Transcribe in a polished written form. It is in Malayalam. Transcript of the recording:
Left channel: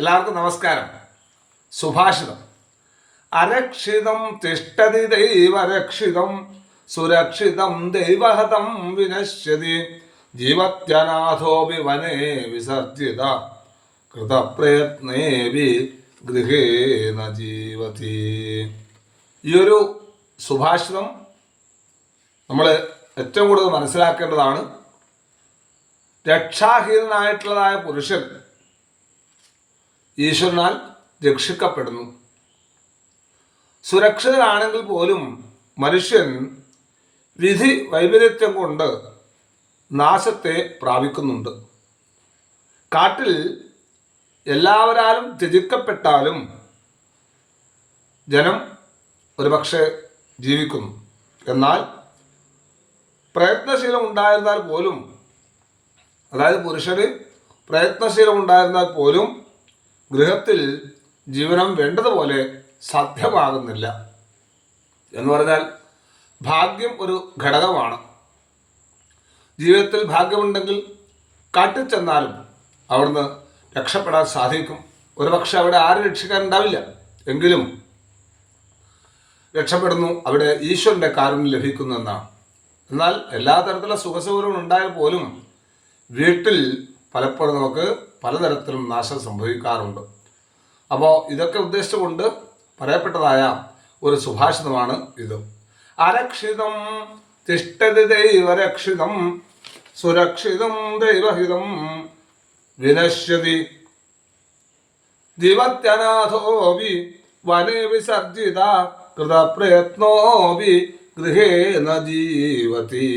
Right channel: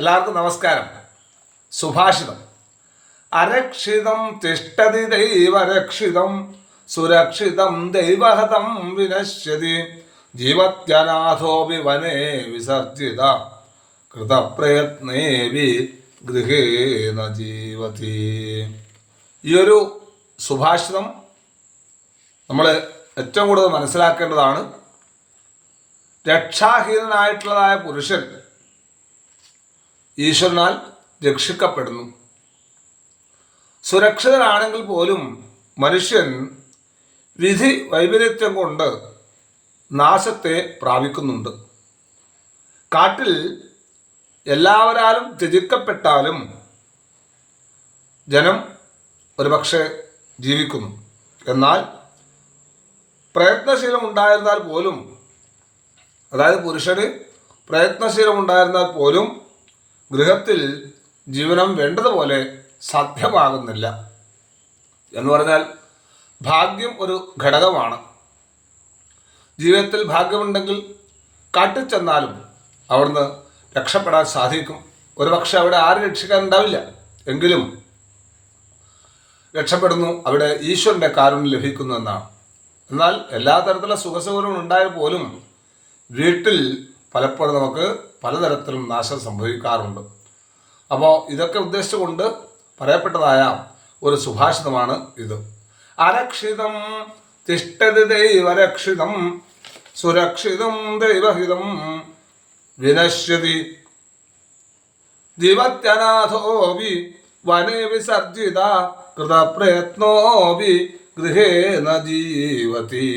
എല്ലാവർക്കും നമസ്കാരം. സുഭാഷിതം. അരക്ഷിതം തിഷ്ടതി ദൈവരക്ഷിതം സുരക്ഷിതം ദൈവഹതം വിനശ്യതി ജീവത്യനാഥോപി വനേ വിസർജിത കൃതപ്രയത്നേവി ഗൃഹേന ജീവതി. ഈ ഒരു സുഭാഷിതം നമ്മൾ ഏറ്റവും കൂടുതൽ മനസ്സിലാക്കേണ്ടതാണ്. രക്ഷാഹീനനായിട്ടുള്ളതായ പുരുഷൻ ഈശ്വരനാൽ രക്ഷിക്കപ്പെടുന്നു. സുരക്ഷിതനാണെങ്കിൽ പോലും മനുഷ്യൻ വിധി വൈപരീത്യം കൊണ്ട് നാശത്തെ പ്രാപിക്കുന്നുണ്ട്. കാട്ടിൽ എല്ലാവരാലും ത്യജിക്കപ്പെട്ടാലും ജനം ഒരുപക്ഷെ ജീവിക്കുന്നു. എന്നാൽ പ്രയത്നശീലം ഉണ്ടായിരുന്നാൽ പോലും, അതായത് പുരുഷന് പ്രയത്നശീലം ഉണ്ടായിരുന്നാൽ പോലും ഗൃഹത്തിൽ ജീവനം വേണ്ടതുപോലെ സാധ്യമാകുന്നില്ല. എന്ന് പറഞ്ഞാൽ ഭാഗ്യം ഒരു ഘടകമാണ്. ജീവിതത്തിൽ ഭാഗ്യമുണ്ടെങ്കിൽ കാട്ടിൽ ചെന്നാലും അവിടുന്ന് രക്ഷപ്പെടാൻ സാധിക്കും. ഒരുപക്ഷെ അവിടെ ആരും രക്ഷിക്കാനുണ്ടാവില്ല, എങ്കിലും രക്ഷപ്പെടുന്നു. അവിടെ ഈശ്വരൻ്റെ കാരുണ്യം ലഭിക്കുന്നു എന്നാണ്. എന്നാൽ എല്ലാ തരത്തിലുള്ള സുഖസൗകര്യങ്ങളും ഉണ്ടായാൽ പോലും വീട്ടിൽ പലപ്പോഴും നമുക്ക് പലതരത്തിലും നാശം സംഭവിക്കാറുണ്ട്. അപ്പോൾ ഇതൊക്കെ ഉദ്ദേശിച്ചുകൊണ്ട് പറയപ്പെട്ടതായ ഒരു സുഭാഷിതമാണ് ഇത്. അരക്ഷിതം തിഷ്ടതി ദൈവരക്ഷിതം സുരക്ഷിതം ദൈവഹിതം വിനശ്യതി ജീവത്യനാഥോപി വനേ വിസർജിത കൃതപ്രയത്നോപി ഗൃഹേന ജീവതി.